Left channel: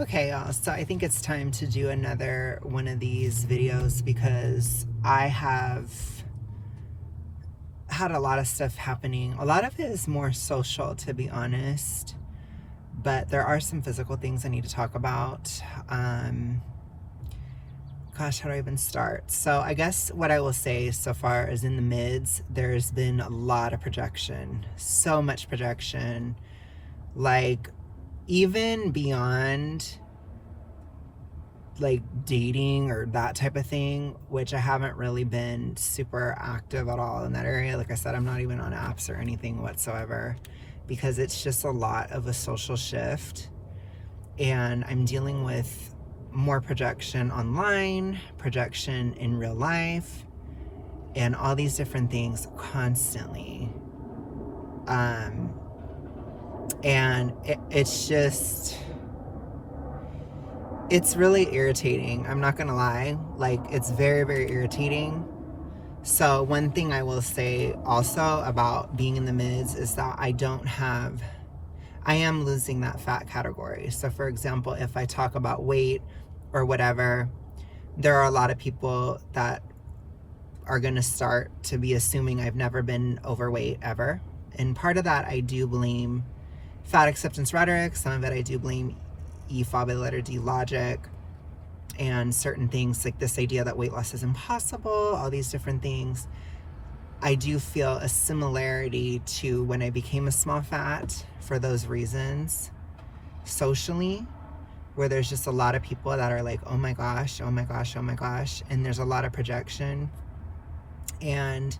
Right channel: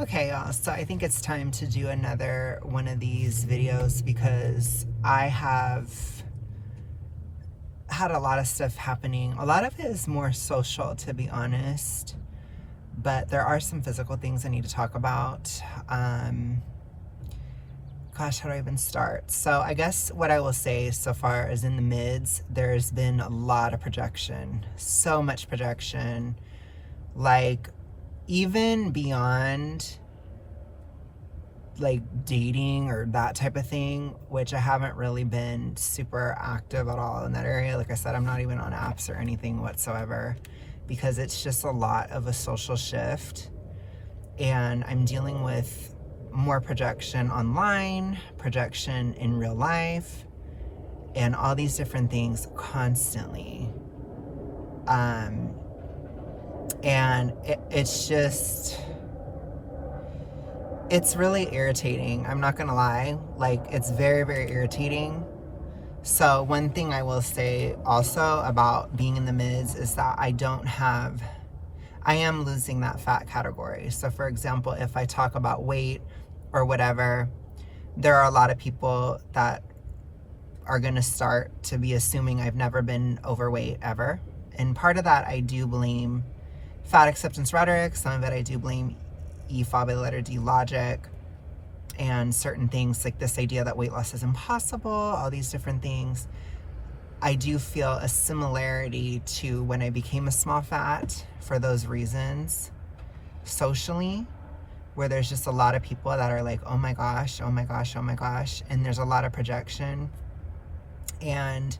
Okay, y'all, so I think it's time to do another one of these videos because I have had a lot of stuff happening. A lot of it is more social, to be honest, but there are some physical things I need to talk about. Gosh, how do I even start? So I guess what I will say so far is in the mids, there's been a lot of projection, so much projection, like even beyond like dating or that type of thing, which I haven't really been super active at all in that area. Like I said, I'm not even on apps or anything whatsoever because it's just a lot of a social shift. And I'm dealing with more projection online, projection in real life, and all these different things constantly. And it's just, it's really irritating. I'm not gonna lie. Like, it's very, very irritating. So one thing I will say also about being in the mids is that I am losing that fat category. So for example, if I talk about weight or whatever, there are a lot of people that are gonna start to be assuming I've never been overweight ever. And part of that I do blame fat acceptance rhetoric. Some of it I do blame EFOB by the letter D logic and certain things like this idea that weight loss is impossible, all these different things. I do feel a similarity to when I became a small fat for those reasons socially, where there's just a lot of people that are like, oh my gosh, oh my gosh, oh my gosh. And there's a lot of projection. And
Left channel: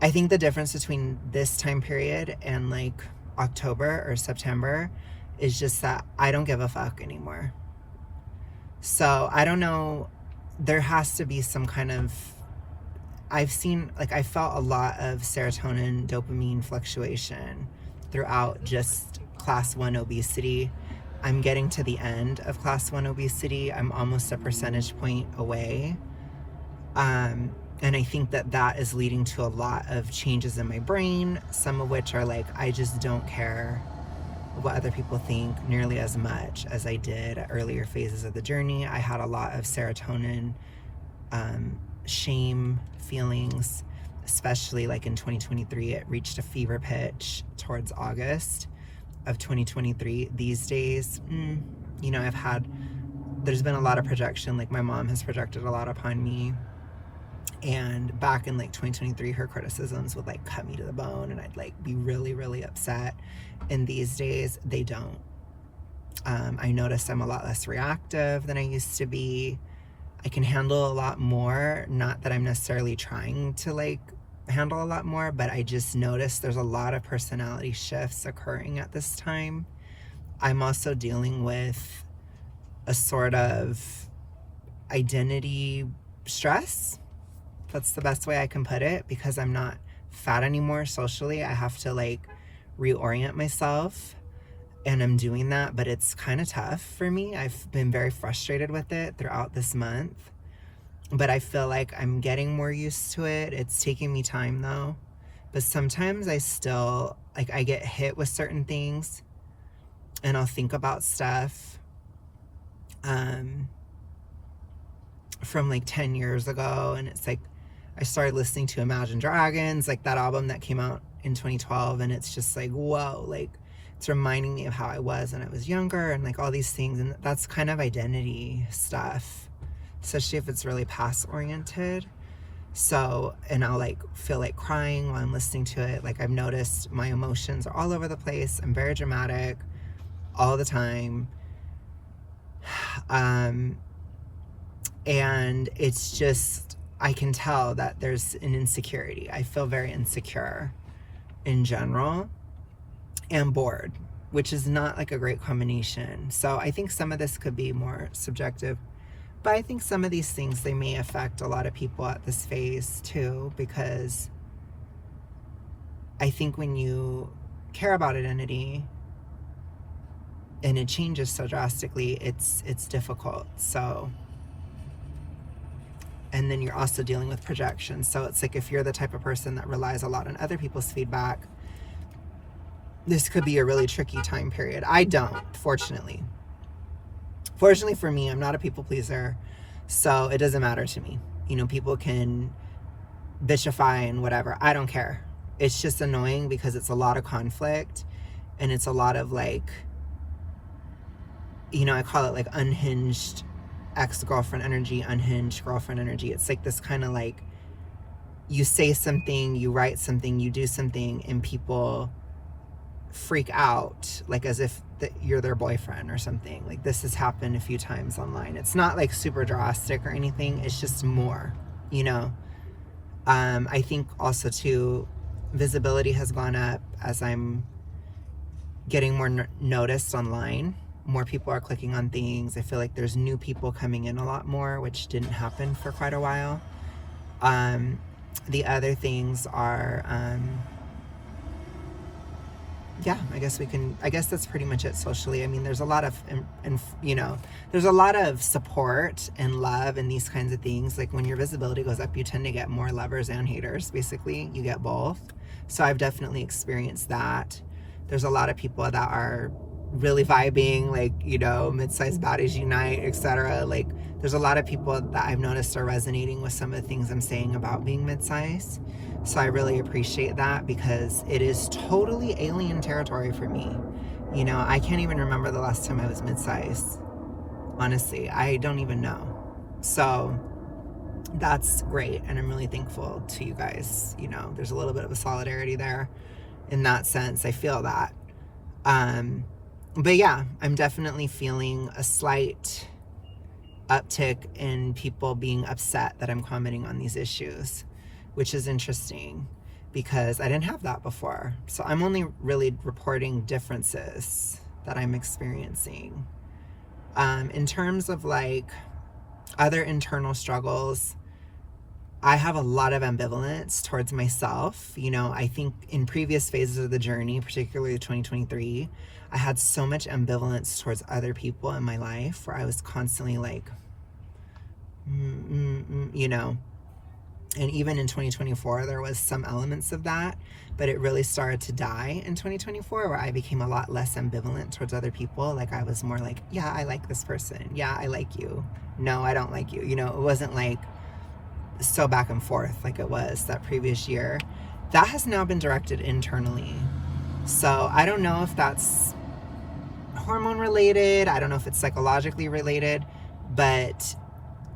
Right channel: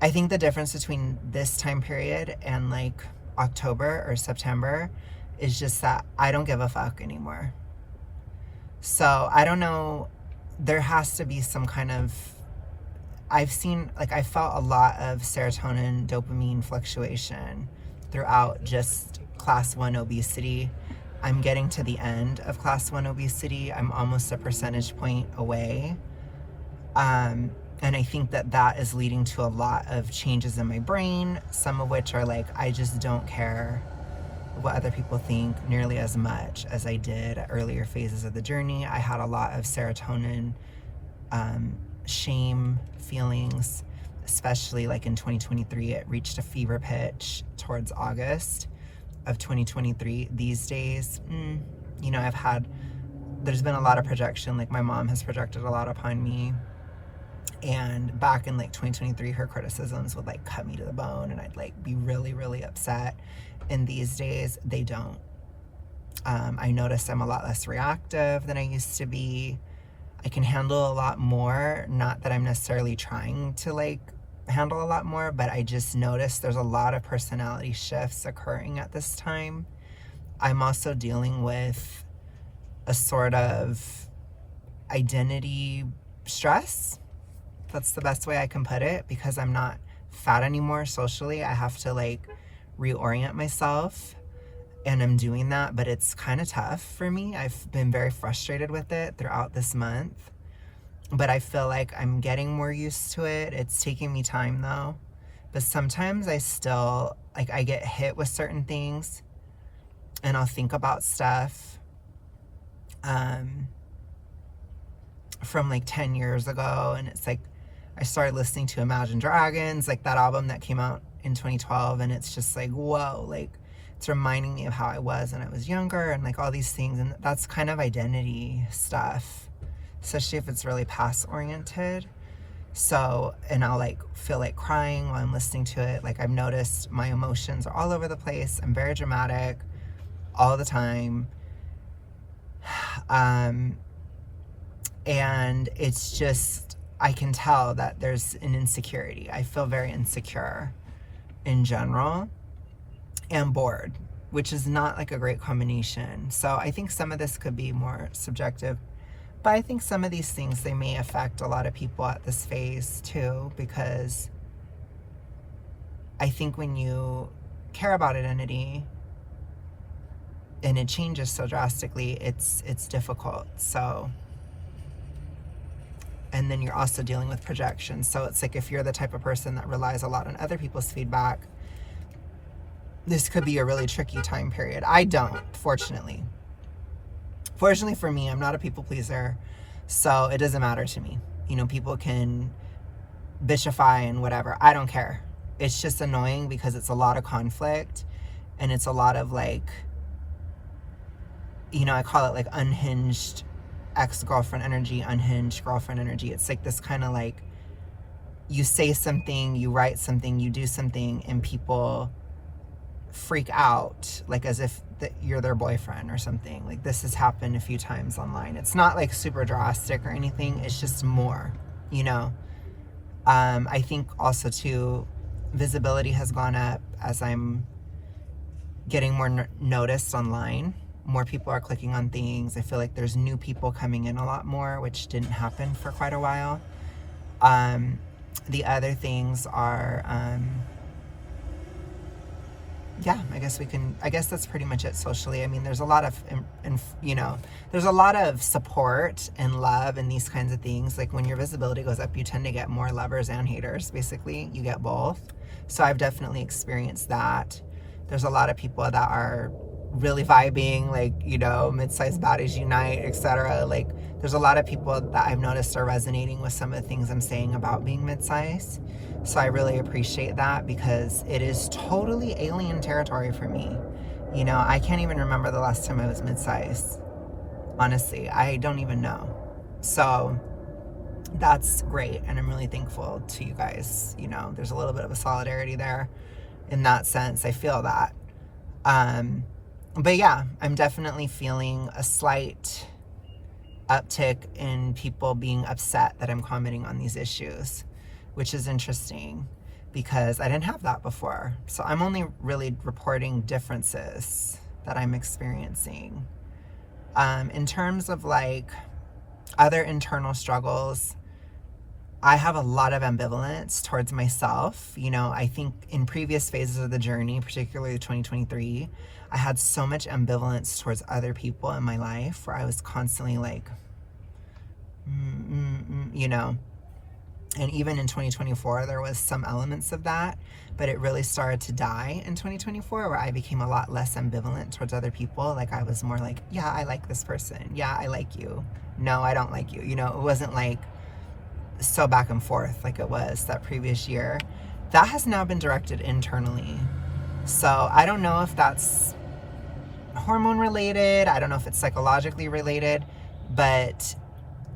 I think the difference between this time period and like October or September is just that I don't give a fuck anymore. So I don't know, there has to be some kind of, I felt a lot of serotonin, dopamine fluctuation throughout just class 1 obesity. I'm getting to the end of class 1 obesity. I'm almost a percentage point away. And I think that that is leading to a lot of changes in my brain, some of which are like, I just don't care what other people think nearly as much as I did at earlier phases of the journey. I had a lot of serotonin, shame feelings, especially like in 2023. It reached a fever pitch towards August of 2023. These days, you know, there's been a lot of projection. Like my mom has projected a lot upon me. And back in like 2023, her criticisms would like cut me to the bone and I'd like be really, really upset. And these days, they don't. I notice I'm a lot less reactive than I used to be. I can handle a lot more. Not that I'm necessarily trying to like handle a lot more, but I just notice there's a lot of personality shifts occurring at this time. I'm also dealing with a sort of identity stress. That's the best way I can put it, because I'm not fat anymore socially. I have to like reorient myself, and I'm doing that, but it's kind of tough for me. I've been very frustrated with it throughout this month, but I feel like I'm getting more used to it. It's taking me time though, but sometimes I still, like, I get hit with certain things and I'll think about stuff from like 10 years ago, and it's like I started listening to Imagine Dragons, like that album that came out in 2012, and it's just like, whoa, like it's reminding me of how I was when I was younger and like all these things. And that's kind of identity stuff, especially if it's really past oriented. So, and I'll like feel like crying while I'm listening to it. Like I've noticed my emotions are all over the place. I'm very dramatic all the time. And it's just, I can tell that there's an insecurity. I feel very insecure in general, and bored, which is not like a great combination. So I think some of this could be more subjective, but I think some of these things, they may affect a lot of people at this phase too, because I think when you care about identity and it changes so drastically, it's difficult. So, and then you're also dealing with projection. So it's like, if you're the type of person that relies a lot on other people's feedback, this could be a really tricky time period. I don't, fortunately. Fortunately for me, I'm not a people pleaser, so it doesn't matter to me. You know, people can bitchify and whatever. I don't care. It's just annoying because it's a lot of conflict, and it's a lot of like, you know, I call it like unhinged ex-girlfriend energy, unhinged girlfriend energy. It's like this kind of like, you say something, you write something, you do something, and people freak out like as if you're their boyfriend or something. Like, this has happened a few times online. It's not like super drastic or anything. It's just more, you know. I think also too, visibility has gone up as I'm getting more noticed online. More people are clicking on things. I feel like there's new people coming in a lot more, which didn't happen for quite a while. The other things are, yeah, I guess that's pretty much it socially. I mean, there's a lot of, you know, there's a lot of support and love and these kinds of things. Like, when your visibility goes up, you tend to get more lovers and haters, basically. You get both. So I've definitely experienced that. There's a lot of people that are really vibing, like, you know, mid-sized bodies unite, etc. Like, there's a lot of people that I've noticed are resonating with some of the things I'm saying about being mid-size. So I really appreciate that, because it is totally alien territory for me. You know, I can't even remember the last time I was mid-size. Honestly, I don't even know. So that's great, and I'm really thankful to you guys. You know, there's a little bit of a solidarity there in that sense. I feel that. But yeah, I'm definitely feeling a slight uptick in people being upset that I'm commenting on these issues, which is interesting because I didn't have that before. So I'm only really reporting differences that I'm experiencing. In terms of like other internal struggles, I have a lot of ambivalence towards myself. You know, I think in previous phases of the journey, particularly 2023, I had so much ambivalence towards other people in my life, where I was constantly like, you know. And even in 2024, there was some elements of that, but it really started to die in 2024, where I became a lot less ambivalent towards other people. Like, I was more like, yeah, I like this person. Yeah, I like you. No, I don't like you. You know, it wasn't like so back and forth like it was that previous year. That has now been directed internally. So I don't know if that's hormone related. I don't know if it's psychologically related, but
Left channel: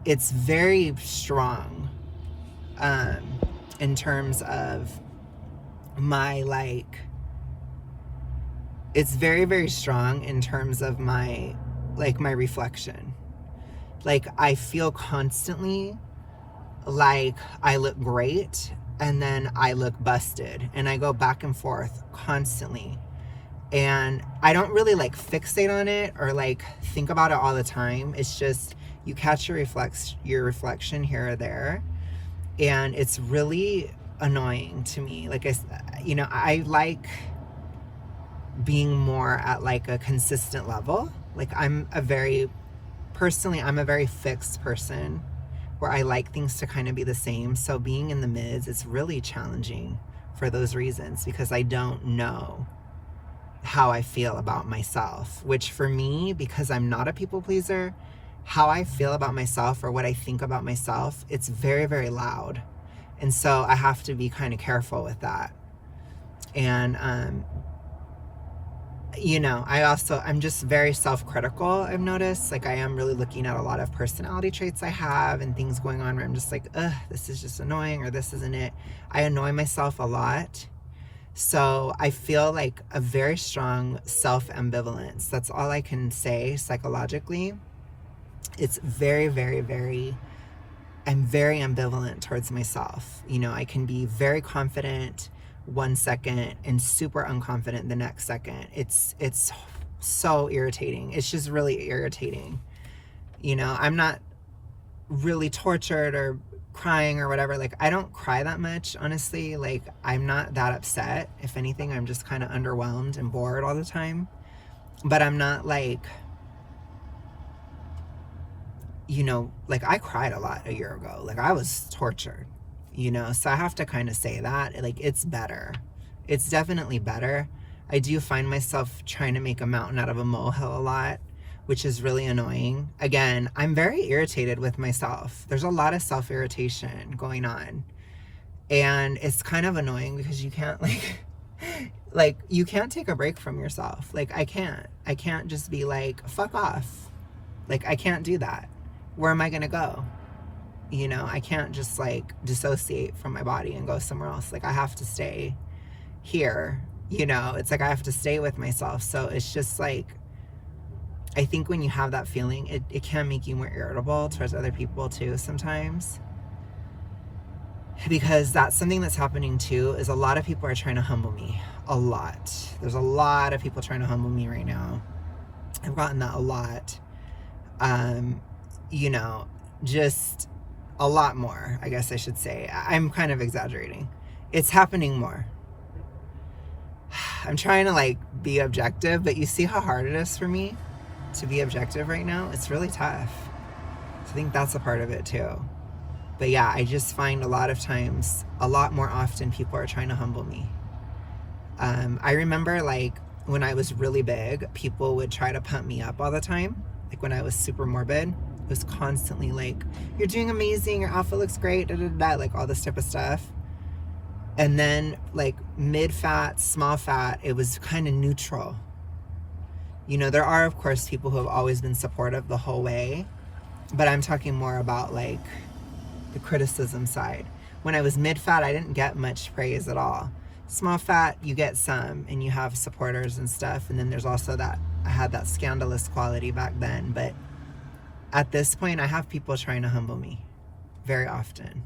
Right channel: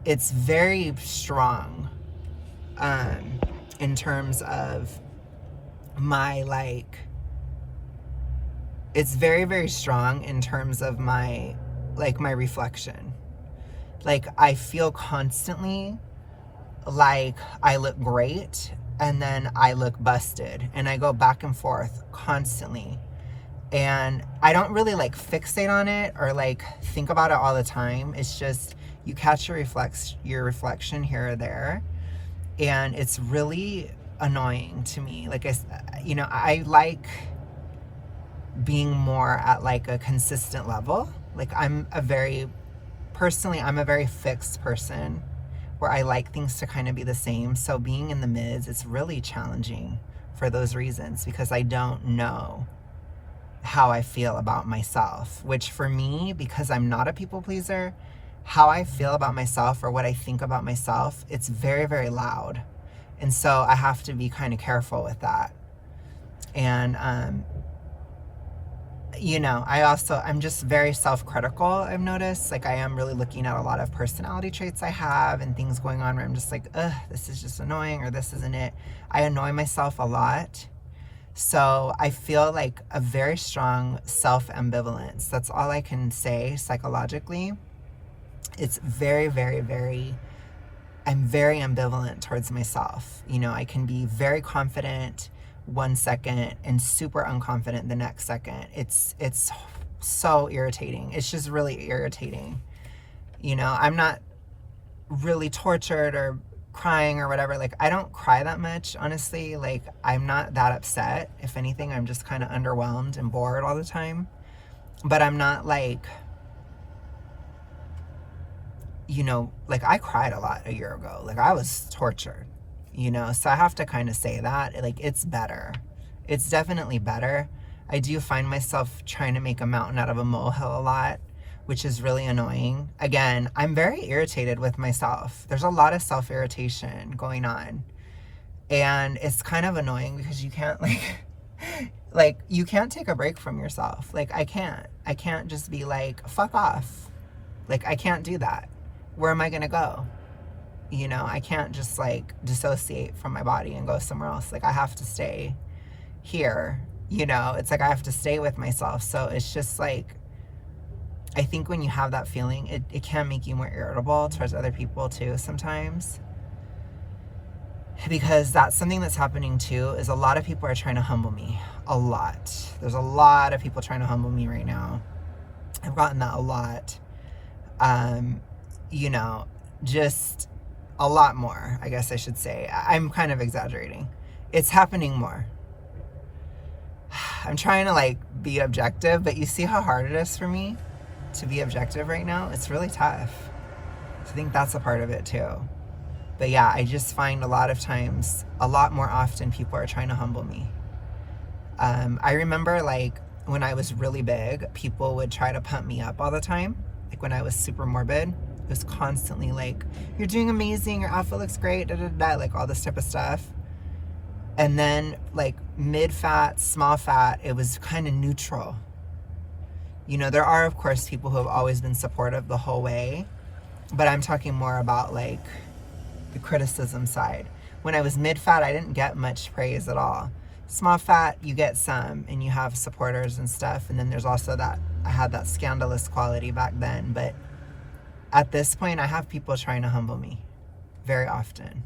it's very strong in terms of my, like, it's very, very strong in terms of my, like, my reflection. Like, I feel constantly like I look great, and then I look busted, and I go back and forth constantly. And I don't really like fixate on it or like think about it all the time. It's just, you catch your reflection here or there, and it's really annoying to me. Like, you know, I like being more at like a consistent level. Like, I'm a very fixed person, where I like things to kind of be the same. So being in the mids, it's really challenging for those reasons, because I don't know how I feel about myself, which for me, because I'm not a people pleaser, how I feel about myself or what I think about myself, it's very, very loud. And so I have to be kind of careful with that. And, you know, I'm just very self-critical, I've noticed. Like, I am really looking at a lot of personality traits I have and things going on where I'm just like, ugh, this is just annoying, or this isn't it. I annoy myself a lot. So I feel like a very strong self-ambivalence. That's all I can say psychologically. It's very, very, very, I'm very ambivalent towards myself. You know, I can be very confident one second and super unconfident the next second. It's so irritating. It's just really irritating. You know, I'm not really tortured or crying or whatever. Like, I don't cry that much, honestly. Like, I'm not that upset. If anything, I'm just kind of underwhelmed and bored all the time. But I'm not like, you know, like, I cried a lot a year ago. Like, I was tortured, you know. So I have to kind of say that, like, it's better. It's definitely better. I do find myself trying to make a mountain out of a molehill a lot, which is really annoying. Again, I'm very irritated with myself. There's a lot of self-irritation going on. And it's kind of annoying because you can't like you can't take a break from yourself. Like I can't just be like, fuck off. Like I can't do that. Where am I gonna go? You know, I can't just like dissociate from my body and go somewhere else. Like I have to stay here. You know, it's like I have to stay with myself. So it's just like, I think when you have that feeling, it can make you more irritable towards other people too sometimes. Because that's something that's happening too, is a lot of people are trying to humble me. A lot. There's a lot of people trying to humble me right now. I've gotten that a lot. You know, just a lot more, I guess I should say. I'm kind of exaggerating. It's happening more. I'm trying to like be objective, but you see how hard it is for me to be objective right now? It's really tough. I think that's a part of it too. But yeah, I just find a lot of times, a lot more often, people are trying to humble me. I remember like when I was really big, people would try to pump me up all the time. Like when I was super morbid, it was constantly like, you're doing amazing, your outfit looks great, da da da, like all this type of stuff. And then like mid-fat, small fat, it was kind of neutral. You know, there are of course people who have always been supportive the whole way, but I'm talking more about like the criticism side. When I was mid-fat, I didn't get much praise at all. Small fat, you get some and you have supporters and stuff. And then there's also that, I had that scandalous quality back then. But at this point, I have people trying to humble me very often.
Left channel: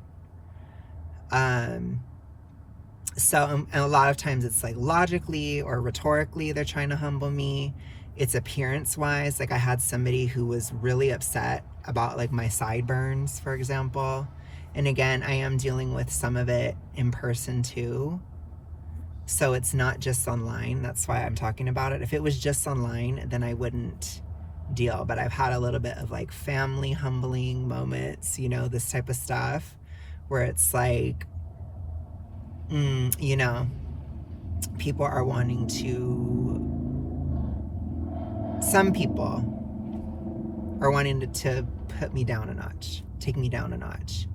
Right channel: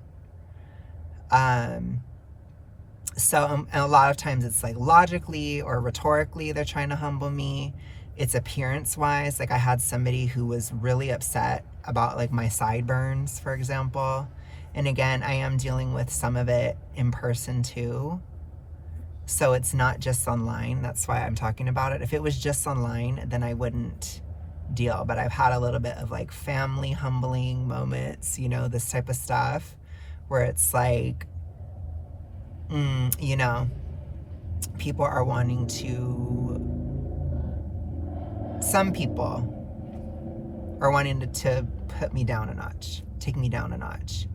So and a lot of times it's like logically or rhetorically, they're trying to humble me. It's appearance wise. Like I had somebody who was really upset about like my sideburns, for example. And again, I am dealing with some of it in person too. So it's not just online. That's why I'm talking about it. If it was just online, then I wouldn't deal. But I've had a little bit of like family humbling moments, you know, this type of stuff where it's like, you know, people are wanting to, some people are wanting to put me down a notch, take me down a notch.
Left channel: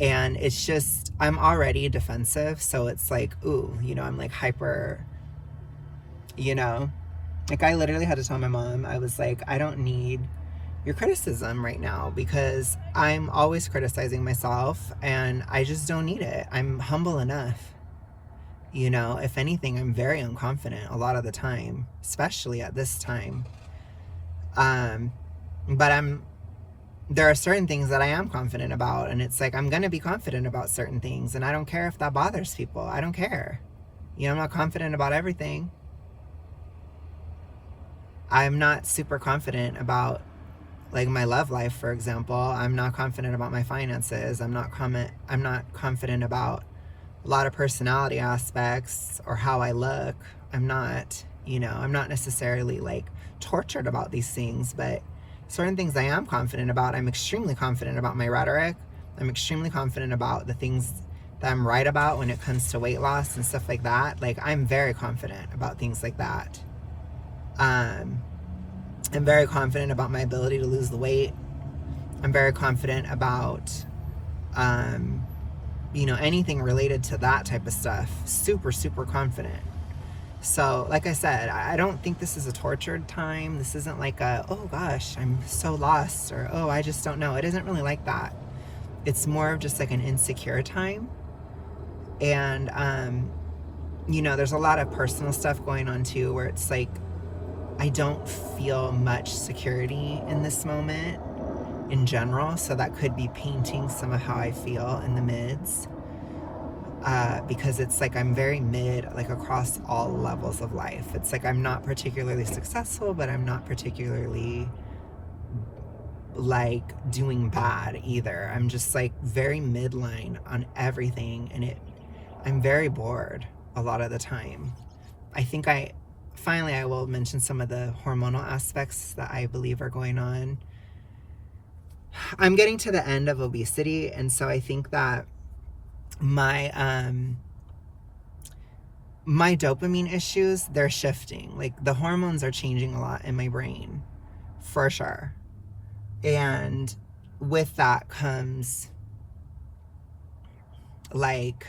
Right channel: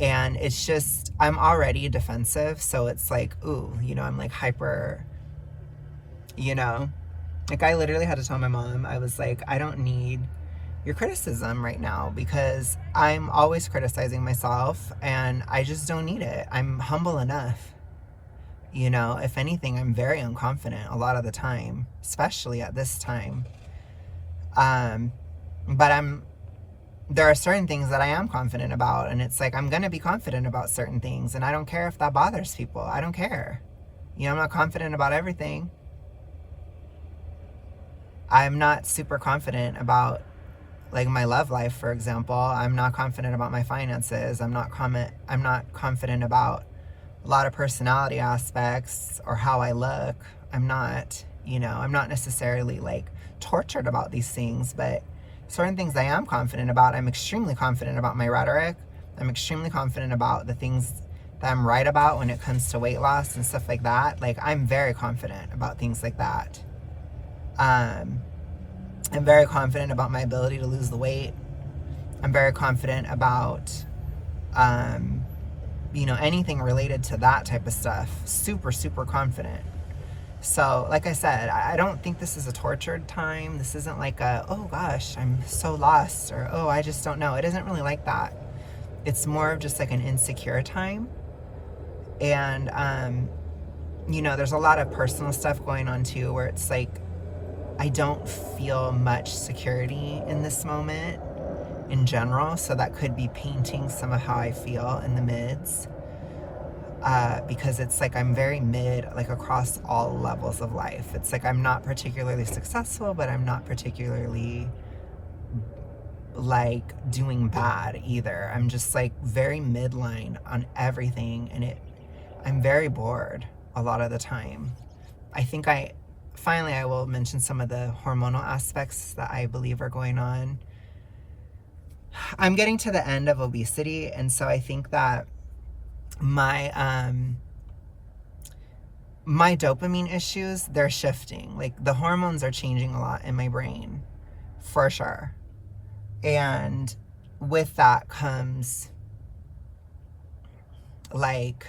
And it's just, I'm already defensive. So it's like, ooh, you know, I'm like hyper, you know, like I literally had to tell my mom, I was like, I don't need your criticism right now because I'm always criticizing myself and I just don't need it. I'm humble enough. You know, if anything, I'm very unconfident a lot of the time, especially at this time. But there are certain things that I am confident about, and it's like I'm going to be confident about certain things, and I don't care if that bothers people. I don't care. You know, I'm not confident about everything. I'm not super confident about like my love life, for example. I'm not confident about my finances. I'm not confident about a lot of personality aspects or how I look. I'm not, you know, I'm not necessarily like tortured about these things, but certain things I am confident about. I'm extremely confident about my rhetoric. I'm extremely confident about the things that I'm right about when it comes to weight loss and stuff like that. Like I'm very confident about things like that. I'm very confident about my ability to lose the weight. I'm very confident about, you know, anything related to that type of stuff. Super, super confident. So, like I said, I don't think this is a tortured time. This isn't like a, oh gosh, I'm so lost, or oh, I just don't know. It isn't really like that. It's more of just like an insecure time. And, you know, there's a lot of personal stuff going on too, where it's like, I don't feel much security in this moment in general. So that could be painting some of how I feel in the mids. Because it's like I'm very mid, like across all levels of life. It's like I'm not particularly successful, but I'm not particularly like doing bad either. I'm just like very midline on everything, and I'm very bored a lot of the time. I think finally I will mention some of the hormonal aspects that I believe are going on. I'm getting to the end of obesity, and so I think that my dopamine issues, they're shifting. Like the hormones are changing a lot in my brain for sure. And with that comes like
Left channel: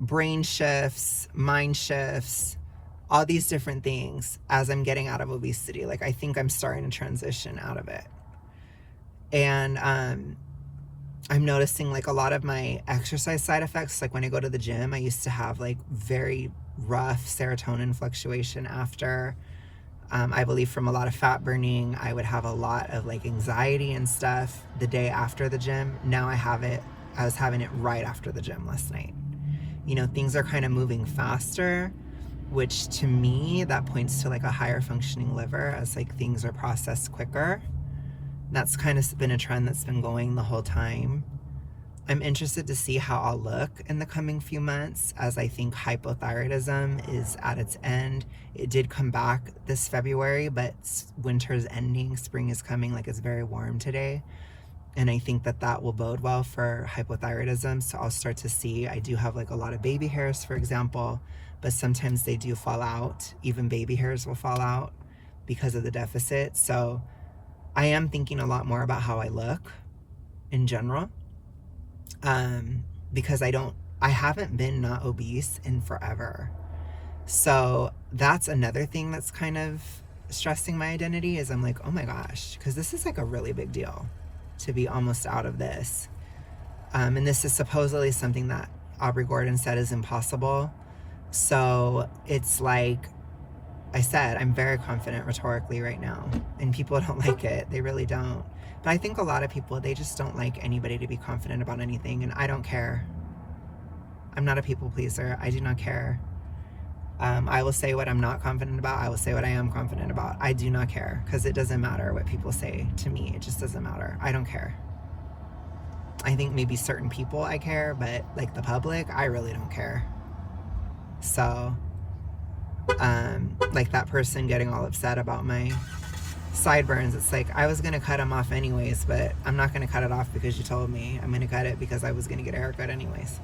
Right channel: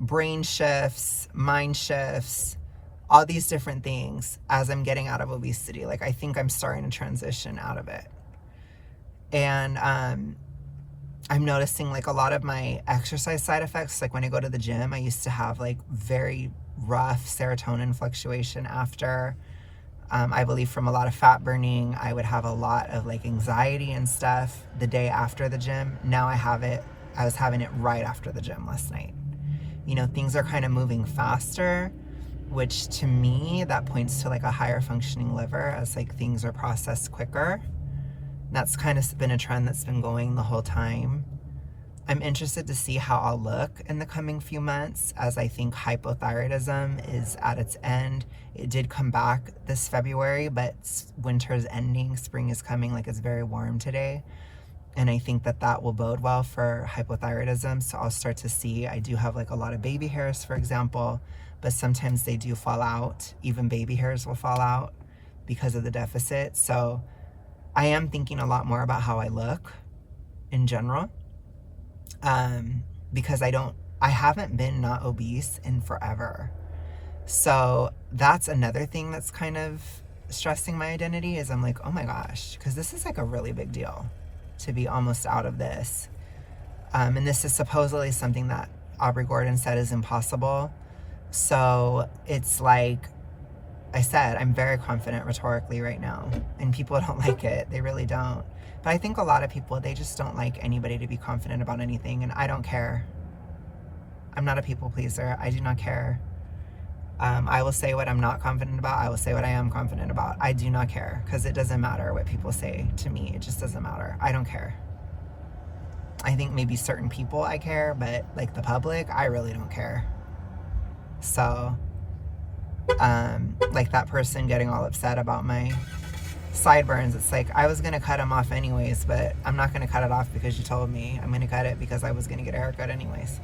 brain shifts, mind shifts, all these different things as I'm getting out of obesity. Like, I think I'm starting to transition out of it. And I'm noticing like a lot of my exercise side effects. Like when I go to the gym, I used to have like very rough serotonin fluctuation after. I believe from a lot of fat burning, I would have a lot of like anxiety and stuff the day after the gym. Now I was having it right after the gym last night. You know, things are kind of moving faster, which to me, that points to like a higher functioning liver as like things are processed quicker. That's kind of been a trend that's been going the whole time. I'm interested to see how I'll look in the coming few months, as I think hypothyroidism is at its end. It did come back this February, but winter's ending, spring is coming, like it's very warm today. And I think that that will bode well for hypothyroidism. So I'll start to see, I do have like a lot of baby hairs, for example, but sometimes they do fall out. Even baby hairs will fall out because of the deficit. So I am thinking a lot more about how I look in general. Because I haven't been not obese in forever. So that's another thing that's kind of stressing my identity, is I'm like, oh my gosh, because this is like a really big deal to be almost out of this. And this is supposedly something that Aubrey Gordon said is impossible. So it's like I said, I'm very confident rhetorically right now, and people don't like it. They really don't. But I think a lot of people, they just don't like anybody to be confident about anything, and I don't care. I'm not a people pleaser. I do not care. I will say what I'm not confident about. I will say what I am confident about. I do not care, because it doesn't matter what people say to me. It just doesn't matter. I don't care. I think maybe certain people I care, but like the public, I really don't care. So, like that person getting all upset about my sideburns, it's like, I was gonna cut them off anyways, but I'm not gonna cut it off because you told me. I'm gonna cut it because I was gonna get a haircut anyways,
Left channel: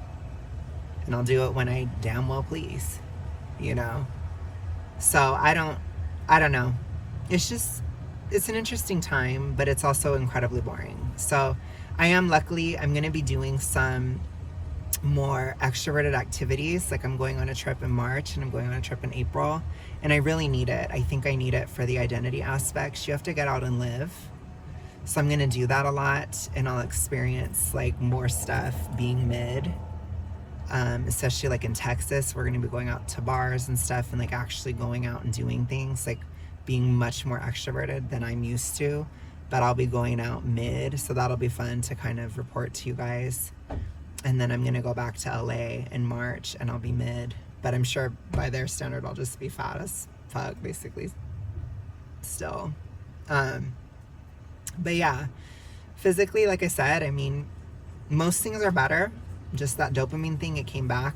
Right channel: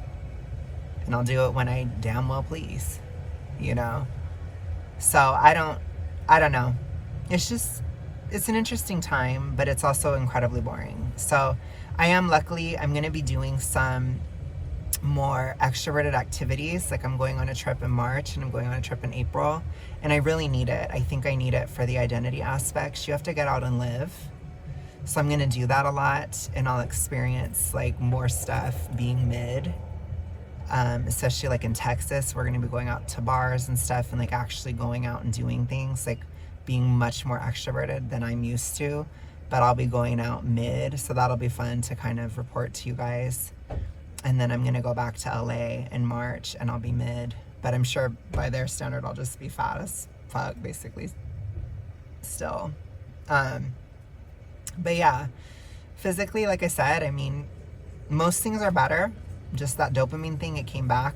and I'll do it when I damn well please, you know. So I don't know. It's an interesting time, but it's also incredibly boring. So I'm gonna be doing some more extroverted activities. Like I'm going on a trip in March, and I'm going on a trip in April, and I really need it. I think I need it for the identity aspects. You have to get out and live. So I'm going to do that a lot, and I'll experience like more stuff being mid, especially like in Texas. We're going to be going out to bars and stuff, and like actually going out and doing things, like being much more extroverted than I'm used to. But I'll be going out mid, so that'll be fun to kind of report to you guys. And then I'm going to go back to LA in March, and I'll be mid. But I'm sure by their standard, I'll just be fat as fuck, basically, still. But yeah, physically, like I said, I mean, most things are better. Just that dopamine thing, it came back.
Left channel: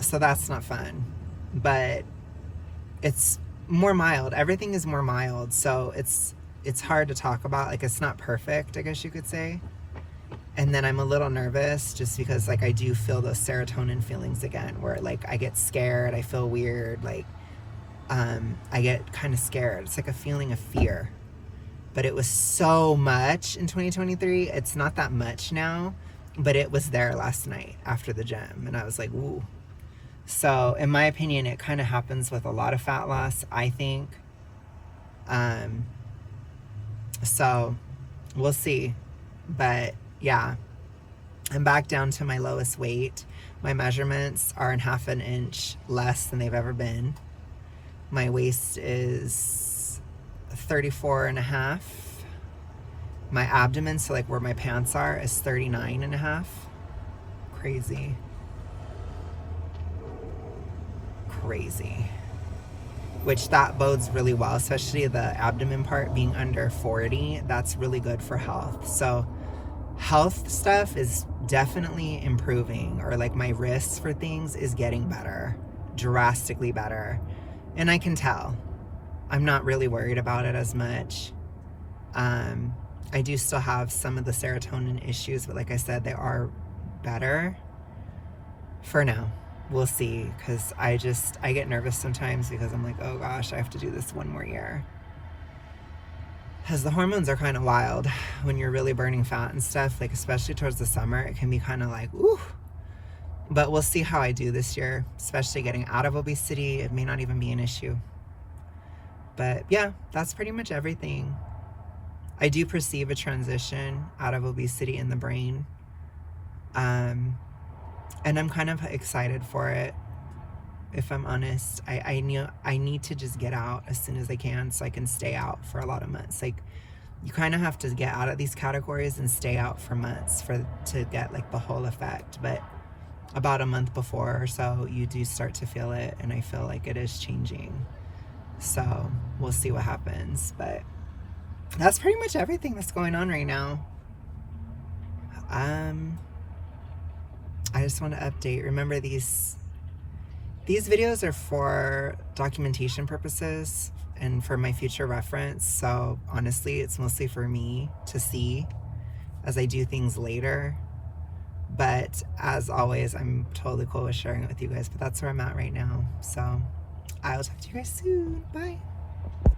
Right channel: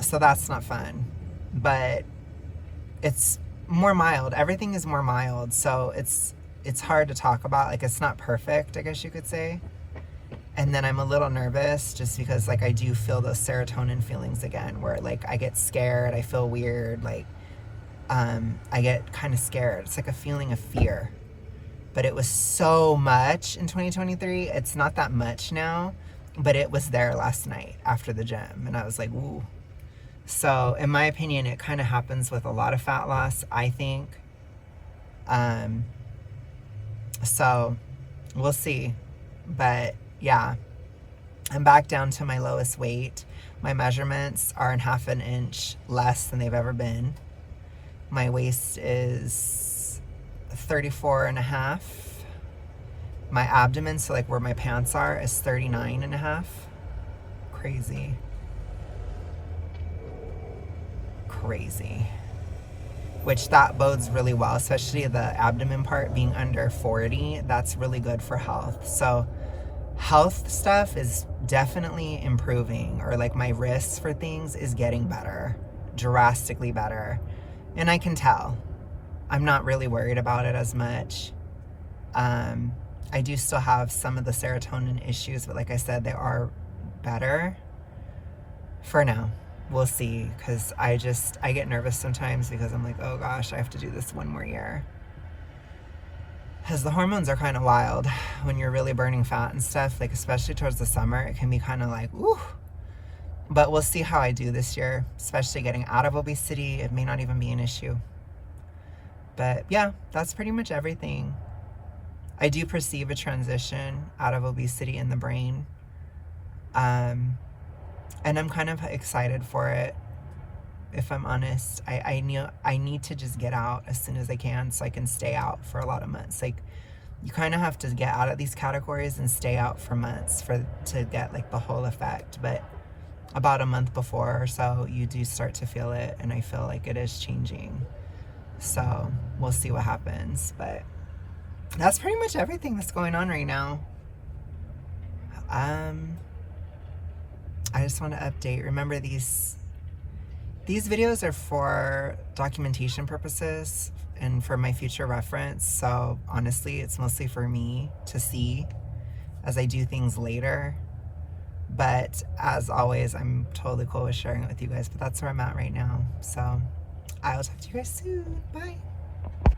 So that's not fun. But it's more mild. Everything is more mild. So it's hard to talk about. Like, it's not perfect, I guess you could say. And then I'm a little nervous just because like I do feel those serotonin feelings again, where like I get scared, I feel weird, like I get kind of scared. It's like a feeling of fear. But it was so much in 2023. It's not that much now, but it was there last night after the gym, and I was like, ooh. So in my opinion, it kind of happens with a lot of fat loss, I think. So we'll see. But yeah, I'm back down to my lowest weight. My measurements are in half an inch less than they've ever been. My waist is 34 and a half. My abdomen, so like where my pants are, is 39 and a half. Crazy. Which that bodes really well, especially the abdomen part being under 40. That's really good for health. So health stuff is definitely improving, or like my risks for things is getting better, drastically better. And I can tell. I'm not really worried about it as much. I do still have some of the serotonin issues, but like I said, they are better for now. we'll see, because I get nervous sometimes because I'm like, oh gosh, I have to do this one more year. Because the hormones are kind of wild when you're really burning fat and stuff, like especially towards the summer, it can be kind of like, ooh. But we'll see how I do this year, especially getting out of obesity. It may not even be an issue. But yeah, that's pretty much everything. I do perceive a transition out of obesity in the brain. And I'm kind of excited for it, if I'm honest. I need to just get out as soon as I can so I can stay out for a lot of months. Like, you kind of have to get out of these categories and stay out for months to get like the whole effect. But about a month before or so, you do start to feel it, and I feel like it is changing. So we'll see what happens. But that's pretty much everything that's going on right now. I just want to update. Remember, these videos are for documentation purposes and for my future reference. So honestly, it's mostly for me to see as I do things later. But as always, I'm totally cool with sharing it with you guys. But that's where I'm at right now. So I will talk to you guys soon. Bye.